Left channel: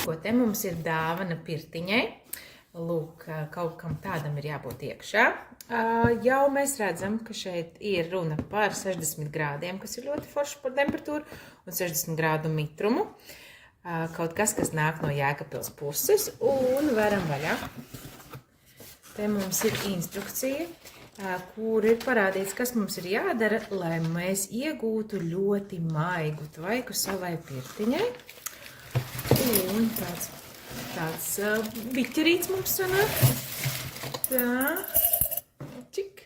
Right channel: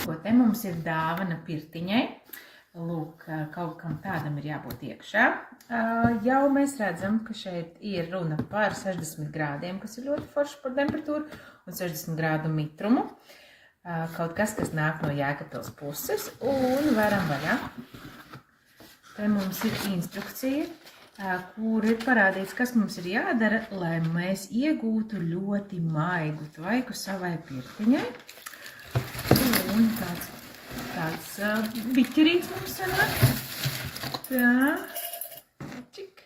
Ko te mums ir dāvana pirtiņai. Lūk, kaut kam tādam ir jābūt iekšā. Jau mēs redzam, ka šeit ir runa par 60 grādiem, kas ir ļoti forši par temperatūru, un 60 grādu mitrumu. Kaut kas nāk no Jēkabpils puses, un varam vaļā. Te mums ir instrukcija, kur ir parādīts, kas mums ir jādara, lai mēs iegūtu ļoti maigu tvaiku savai pirtiņai. Un tāds biķerīts mums sanāk. Tā. Čik.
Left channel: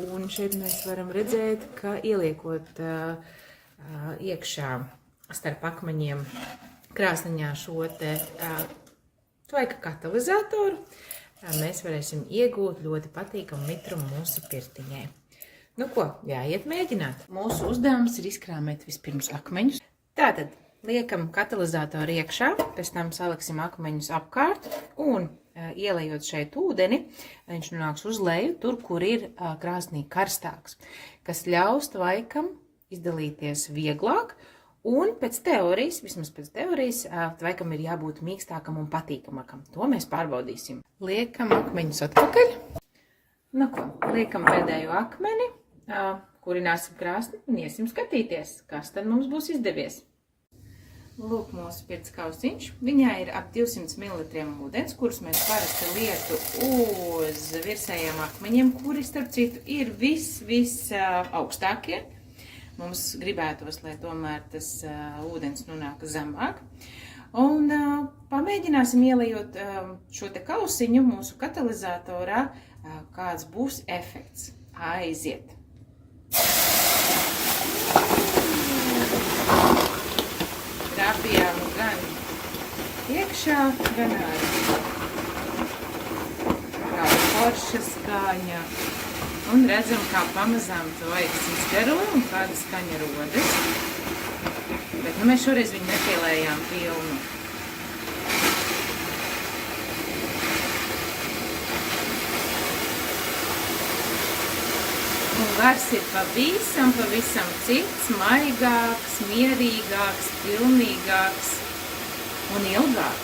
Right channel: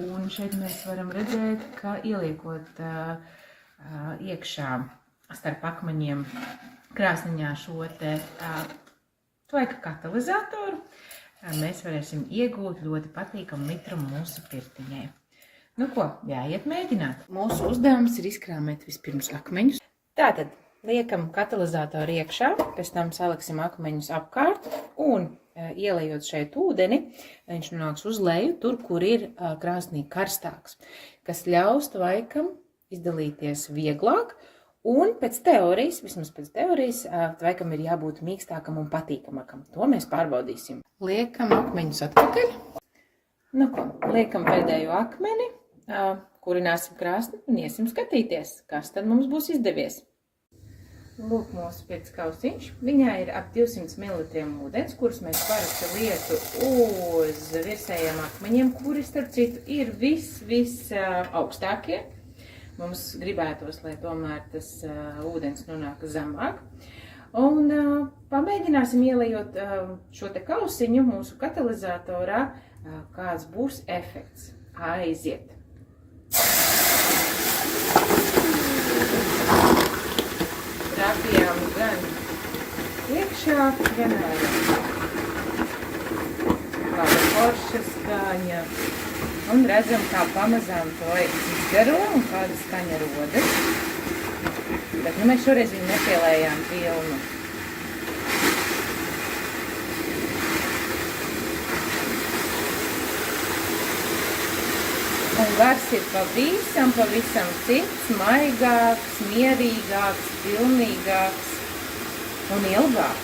Un šeit mēs varam redzēt, ka ieliekot iekšā starp akmeņiem krāsniņā šo te tvaika katalizatoru, mēs varēsim iegūt ļoti patīkamu mitrumu mūsu pirtiņai. Nu ko, jāiet mēģināt. Mūsu uzdevums ir izkrāmēt vispirms akmeņus. Tātad liekam katalizatoru iekšā, pēc tam saliksim akmeņus apkārt un ielejot šeit ūdeni, viņš nonāks uz leju, tur, kur ir krāsnī karstāks, kas ļaus tvaikam izdalīties vieglāk. Un pēc teorijas, vismaz pēc teorijas, tvaikam ir jābūt mīkstākam un patīkamākam. To mēs pārbaudīsim. Liekam akmeņus atpakaļ. Nu ko, liekam pēdējo akmeni, kurināsim krāsni un iesim skatīties, kas tad mums būs izdevies. Lūk mūsu pirts kausiņš. Viņā ir ap 200 ml ūdens, kurus mēs parasti lietu uz virsējiem akmeņiem, kuri, starp citu, ir viss augstākie. Mums gribētos, lai tomēr tas ūdens nonāk zemāk. Un pamēģināsim ielejot šo te kausiņu mūsu katalizatorā, kāds būs efekts. Aiziet! Trāpījām gan iekšā, gan ārā. Kā forša skaņa. Un redzam, kā pamazām tvaiks izgaro un kāda skaņa rodas. Bet mēs šoreiz viņu nepielējām pilnu. Un gars ir pavisam cits, maigāks, mierīgāks, pilnīgāks un ilgāks.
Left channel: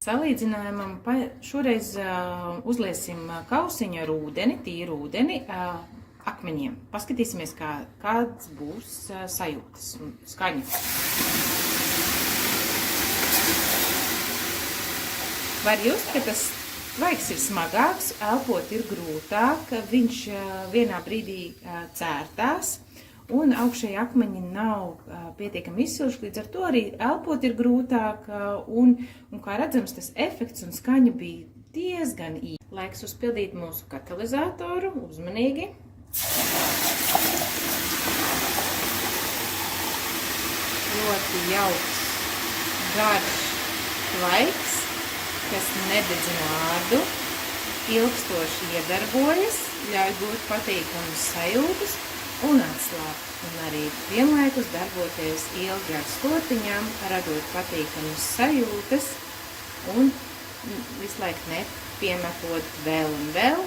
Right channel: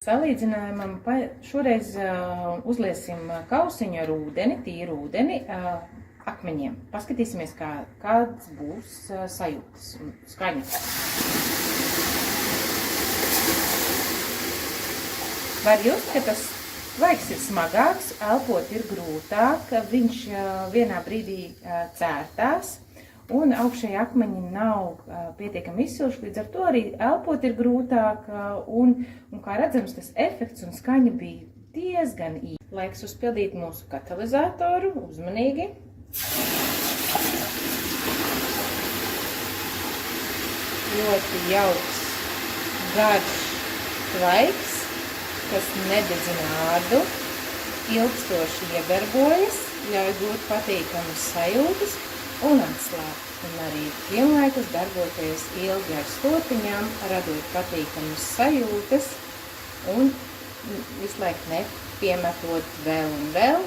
Salīdzinājumam šoreiz uzliesim kausiņu ar ūdeni, tīru ūdeni, akmeņiem. Paskatīsimies, kāds būs sajūtas un skaņas. Var just, ka tas tvaiks ir smagāks, elpot ir grūtāk, viņš vienā brīdī cērtās, un augšēji akmeņi nav pietiekami izsilši, līdz ar to arī elpot ir grūtāk, un kā redzams, tas efekts un skaņa bija diezgan īsi. Laiks uzpildīt mūsu katalizatoru, uzmanīgi. Ļoti jauks, garš tvaiks, kas nededzina ādu, ilgstoši iedarbojas, ļauj gūt patīkamus sajūtas un atslābt, un arī vienlaikus darboties ilgi ar slotiņām, radot patīkamas sajūtas un visu laiku nepiemetot vēl un vēl,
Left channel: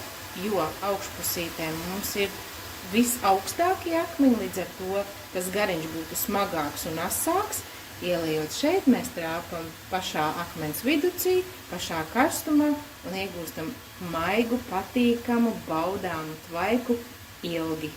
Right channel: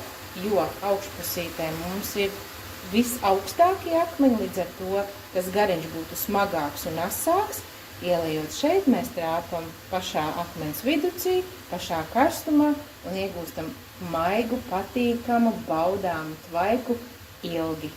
jo augšpusītē mums ir visaugstākie akmeņi, līdz ar to tas gariņš būtu smagāks un asāks. Ielejot šeit, mēs trāpam pašā akmens viducī, pašā karstumā un iegūstam maigu, patīkamu, baudāmu tvaiku ilgi.